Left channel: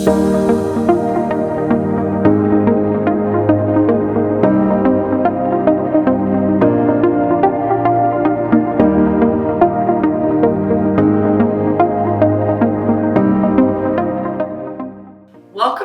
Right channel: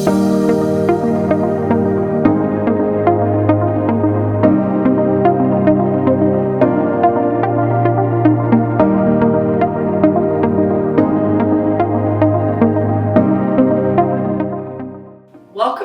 Welcome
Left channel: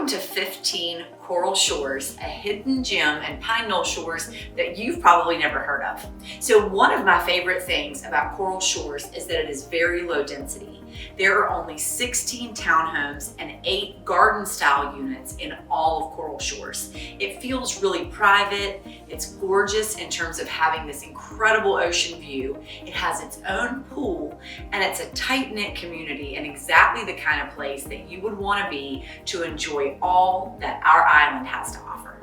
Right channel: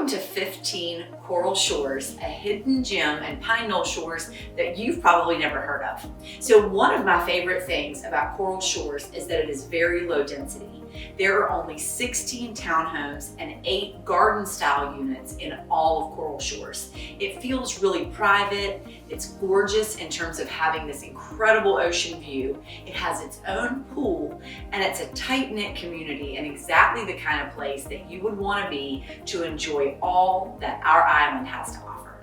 to 15 Coral Shores, a hidden gem in Pine Knoll Shores that you've probably never heard of. So one of my favorite things about Coral Shores is that it is very low density. There are only 16 townhomes and 8 garden-style units in all of Coral Shores. It feels really private. It's gorgeous in terms of having this incredible ocean view. It has its own pool, and it's a tight-knit community and exactly the kind of place that you would want to be to enjoy all that our island has to offer.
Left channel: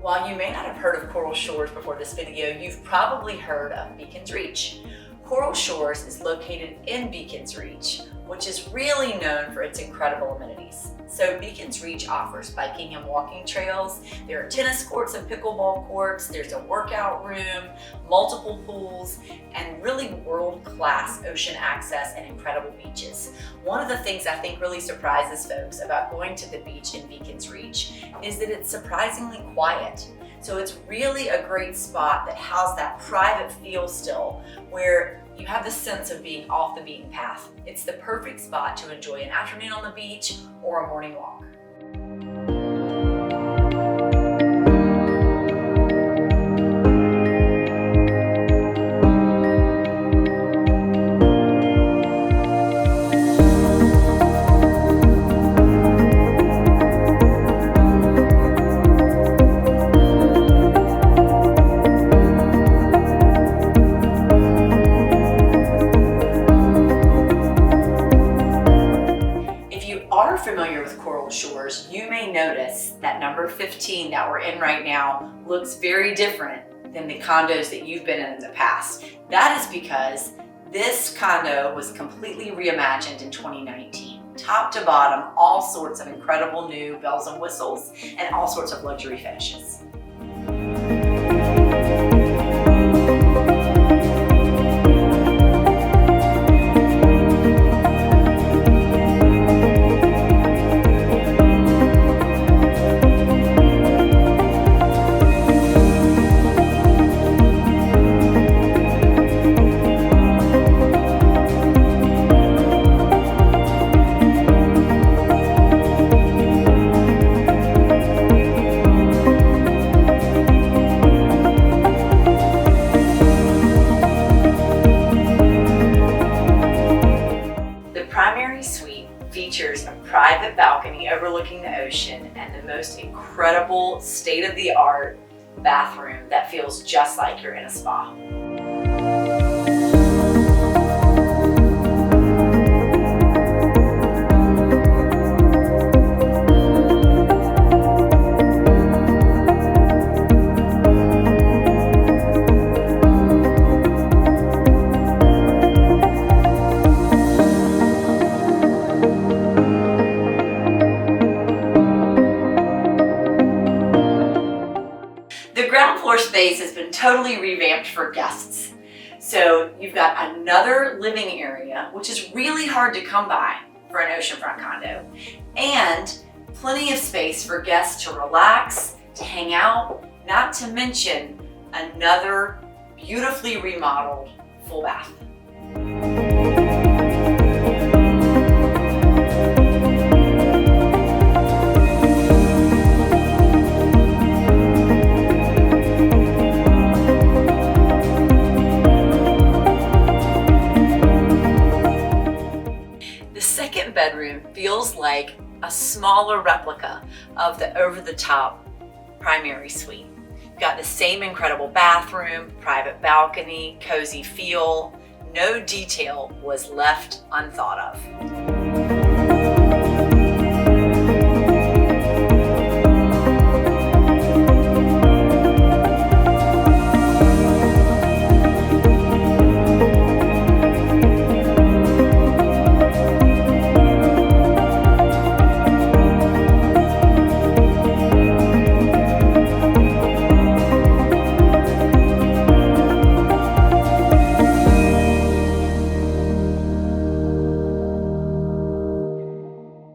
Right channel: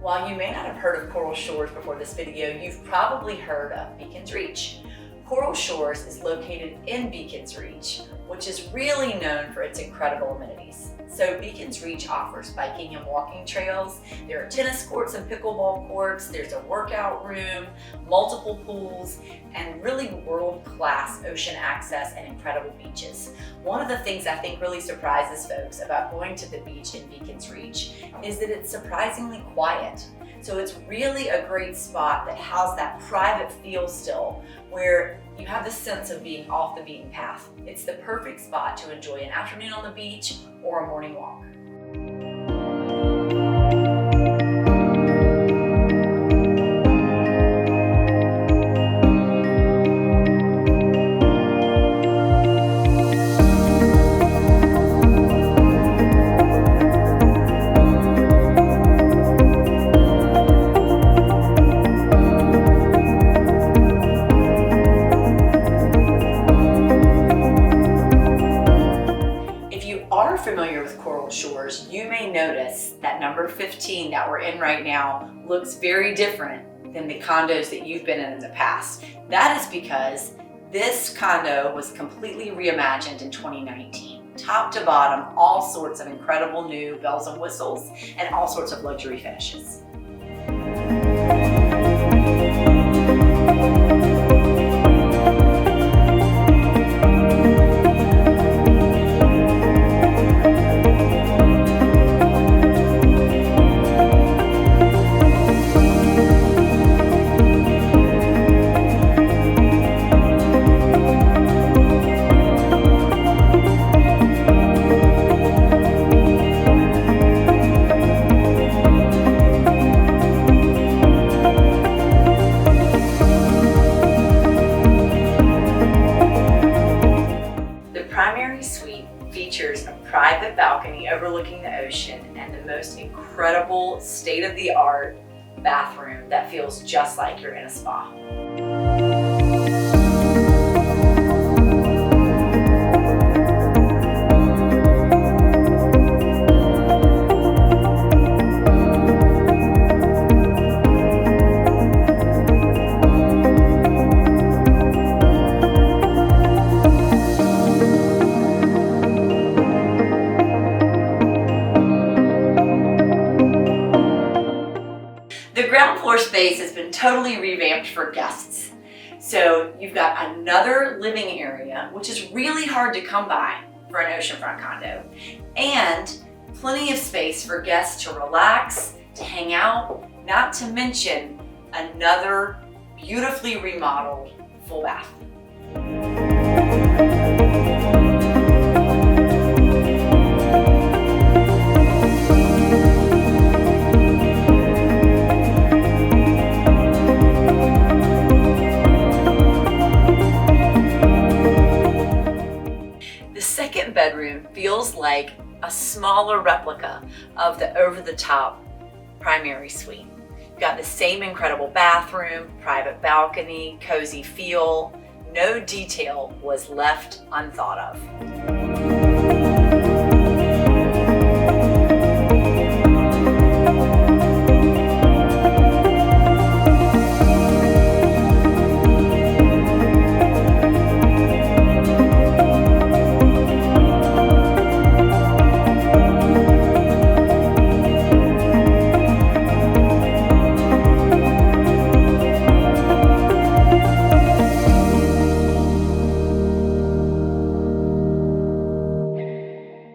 While you may not have heard of Coral Shores before this video, you've probably heard of Beacons Reach. Coral Shores is located in Beacons Reach, which is really known for its incredible amenities. So Beacons Reach offers biking and walking trails. There are tennis courts and pickleball courts. There's a workout room, multiple pools, and really world-class ocean access and incredible beaches. One of the things I think really surprises folks about going to the beach in Beacons Reach is that it's surprisingly quiet. So it's really a great spot that has that private feel still, where you have the sense of being off the beaten path. It's the perfect spot to enjoy an afternoon on the beach or a morning walk. Familiar with Coral Shores, you may notice that number 15 that we're in right now looks very different than the condos that you've been in the past. That is because this condo was completely reimagined in 2019. Top to bottom, all sorts of incredible new bells and whistles and all sorts of luxury finishes. Suite features a private balcony overlooking the ocean and the most incredible state-of-the-art bathroom that feels just like you're in a spa. The ground floor space has been totally revamped for guests. So you've got another living area, which is really hard to come by for an oceanfront condo, and plenty of space for guests to relax, to hang out, not to mention another beautifully remodeled full bath. Bedroom feels like a smaller replica of the over-the-top primary suite. You've got the same incredible bathroom, private balcony, cozy feel. No detail was left unthought of.